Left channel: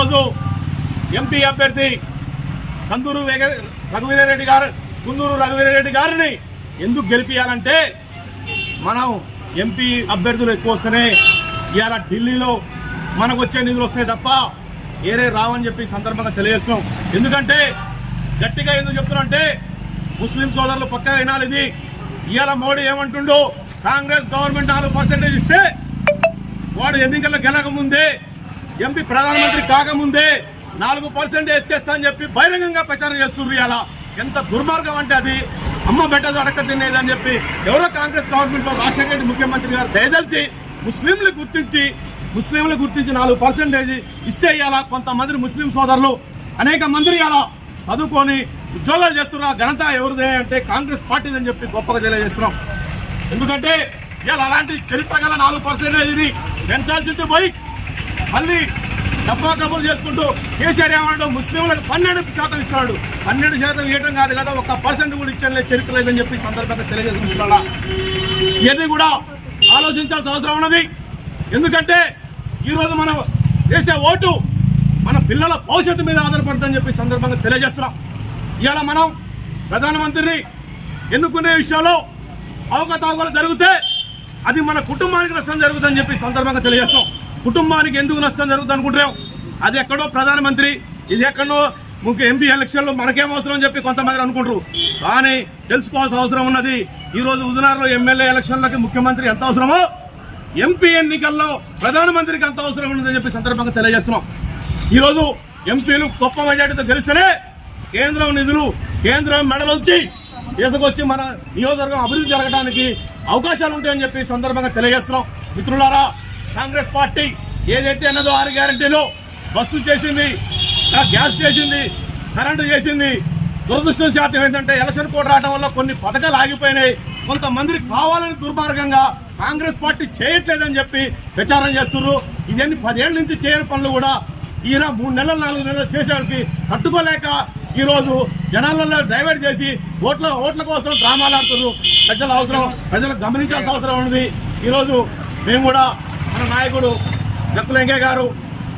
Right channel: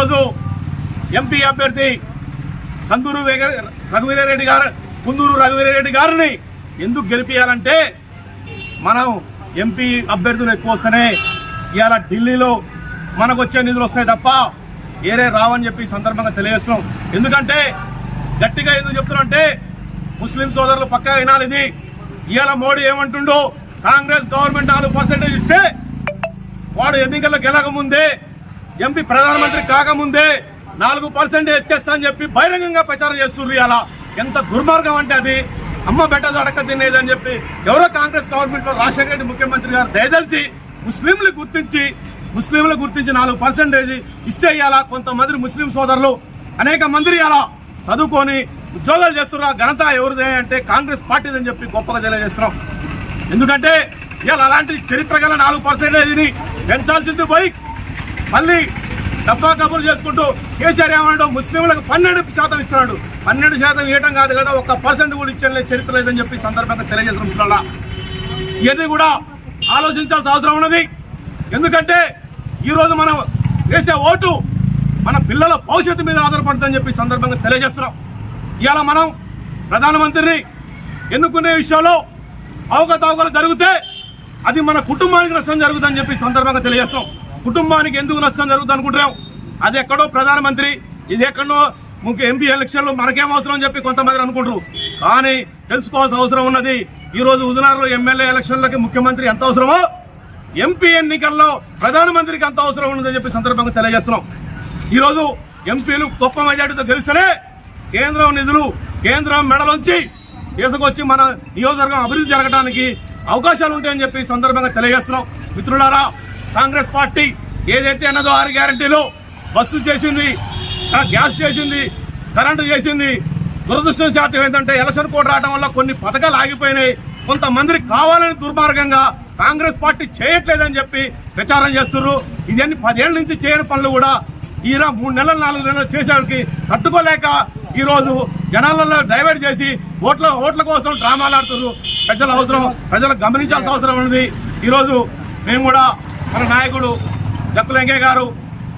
ఈరోజు ఎంపీ అభ్యర్థి కందూరు రఘువీరారెడ్డి గారు కుందూరు రఘువీరారెడ్డి గారిని ఎందుకు గెలిపించాలంటే మనం ఎంపీ అభ్యర్థులు ఎక్కువ వస్తేనే ఇవాళ ఢిల్లీలో మనకు వచ్చే నిధులు వస్తాయి తప్ప ఏరే రావని చెప్పి సందర్భంగా తెలియజేస్తున్నాం. ఎందుకంటే గట్టిగా ఎందుకు చెప్తున్నా ముస్లిం సోదరులు పక్కా వినాలి ఇది. ఇవాళ మోడీ ఏమంటుండు? కాంగ్రెస్ గవర్నమెంట్ నాలుగు పర్సెంటేజ్ ఇస్తే వాడు ఎన్నికల్లో గెలక ముందే ఎంపీ ప్రధానమంత్రి కాకముందే నాలుగు పర్సెంట్ ఎత్తేస్తా అని చెప్పి బహిరంగంగా ప్రచారం చేస్తున్నారు ఇలా ఎంత దుర్మార్గం అంటే అది. అమ్మ బెట్ట అడక తినేదని చెప్పి ఎవరో కాంగ్రెస్ గవర్నమెంట్లో రాజశేఖర రెడ్డి ముఖ్యమంత్రి గారు దయదలిసి ముస్లింలు గుర్తించి ముస్లింలు గుర్తించి నాలుగు పర్సెంటేజ్ ఇస్తే ఇవాళ కొంతమంది ముస్లిం సోదరులు అనేక మంది ఇలా చదువుకొని ఉద్యోగాలు చేస్తున్న ఘనత ఎవరిదే అంటే కాంగ్రెస్ పార్టీదని చెప్పి గొప్పగా తెలియజేస్తున్నాం. ఎందుకంటే ఇవాళ అలాంటి చరిత్ర గల నాలుగు పర్సెంటేజ్ని పెంచాల్సింది పోయి మళ్ళీ డబ్బా కబుర్లు చేసుకుంటూ కేసీఆర్ ఏమన్నాడు? ముస్లింలకు పన్నెండు శాతం ఇస్తున్నాడు. పన్నెండు శాతం ఇవ్వడం కాదు కదా ఒక్క పర్సెంట్ కూడా ఇచ్చే చరిత్ర లేదని చెప్పి సందర్భంగా తెలియజేసిన మిత్రులారా. ఇవన్నీ కూడా ఆలోచించాల్సిన అవసరం ఉన్నది. ఎందుకంటే ఈరోజు మనం వేసే ఓటు మన పిల్లల భవిష్యత్తు మీద ఆధారపడుతుందని చెప్పి సందర్భంగా తెలియజేస్తున్నాం. ఇవాళ మనం ప్రధానమంత్రిని ఎన్నుకునే విషయంలో అవకతవకలు జరిగితే అది మన కుటుంబానికి నష్టం జరుగుతుందని చెప్పి సందర్భంగా తెలియజేస్తున్నాం. కుటుంబానికి ఎందుకు నష్టం జరుగుతుంది అనుకుంటున్నాం? అది ఎక్కడో ప్రధానమంత్రి ఇది ఎక్కడో ముఖ్య ఎంపీ ఎలక్షన్లు మనకేం అవసరం అని చెప్పి కొంతమంది అనుకుంటారు. కానీ తెలుసుకోవాల్సిన అవసరం ఉన్నది ఈరోజు హుజనార్లో ఎమ్మెల్యే ఎలక్షన్లకి ముఖ్యమంత్రి ఎంత అవసరమో ఎంపీ ఎన్నికల్లో ప్రధానమంత్రికి అంత అవసరం ఉన్నదని చెప్పి సందర్భంగా తెలియజేస్తున్నాం. ఈరోజు ఎంపీలు గొప్ప మెజార్టీతో గెలిస్తేనే కేంద్రం నిధులు కేంద్రం మెడలుంచి తీసుకొచ్చి మన నియోజకవర్గం అభివృద్ధి జరగడానికి అవకాశాలు ఉంటాయని చెప్పి సందర్భంగా తెలియజేస్తున్నాం. మిత్రులారా కాంగ్రెస్ పార్టీ ఏదైతే అన్నదో ఆరు గ్యారంటీలో బస్సు చేసింది గ్యాస్ చేసింది కరెంటు చేసింది. దురదృష్టం శాతం ఏంటంటే ఎలక్షన్ కోడ్ రావడం వల్ల కొన్ని పథకాలు ఆగిపోయినాయి. కొంతమందికి కావాలని దుర్మార్గంగా కాంగ్రెస్ పార్టీ చేయట్లేదని చెప్పి ప్రచారం చేస్తున్నారు. ఇదన్నీ పదేళ్ళ నుంచి చేయని పనులు కూడా ఈయన మూడు నెలలు నాలుగు నెలలు చేసేవాడికి తట్టుకోలేక ఈరోజు జనాలలో డైవర్ట్ చేసి ఓట్ల ఓట్ల కోసం డ్రామాలు ఆడుతున్నారు. ప్రజల అవసరం ప్రజలకు గమనించాల్సిన అవసరం ఉన్నది ఈరోజు మేము కూడా మన నాయకుడు జక్కులంకే గారు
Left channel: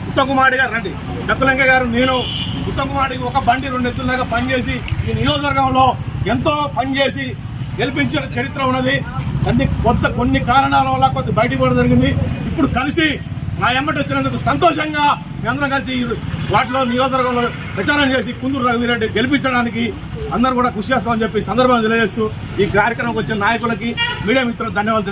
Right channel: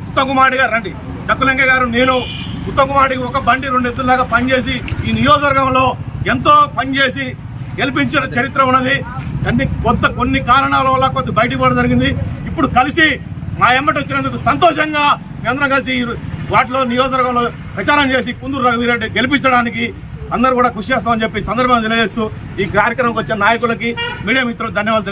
ఉత్తమ్ కుమార్ గారు రండి. జక్కులంకే గారు నేను ఉత్తమ్ ఒక బండి రెండు ఎత్తులాగా పనిచేసి ఈ నియోజకవర్గంలో ఎంతో పనిచేసి గెలిపించిన చరిత్ర ఉన్నది. అన్ని కొత్త కొన్ని కారణాల వల్ల కొంత బయటికి పోవడం జరిగింది. ఇప్పుడు కలిసి మా ఎమ్మటి వచ్చినందుకు సంతోషంగా మేమందరం కలిసి వాటిలో నియోజకవర్గంలో ప్రచారం చేసి కుందూరు రఘువీరెడ్డి గెలిపించడానికి అందరూ కూడా కృషి చేస్తామని చెప్పి సందర్భంగా తెలియజేస్తూ ఈ కార్యక్రమంకి వచ్చిన నాయకులకి మీడియా మిత్రులకు ధన్యవాదాలు.